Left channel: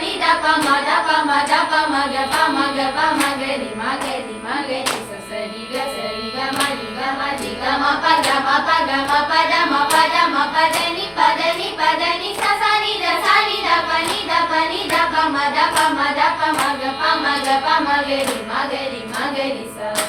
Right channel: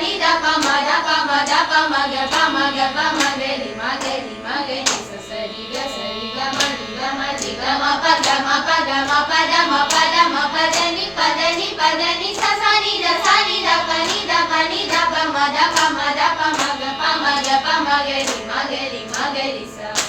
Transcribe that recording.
ni da pa ma da pa ma da pa ma ga pa ma ga pa ma ga ri ma ga ri ma ga ri sa ri ga ma ri ga ma ri ga ma pa ga ma pa ga ma pa da ma pa da ma pa da ni pa da ni sa ni da pa ni da pa ma da pa ma ga pa ma ga pa ma ga ri ma ga ri sa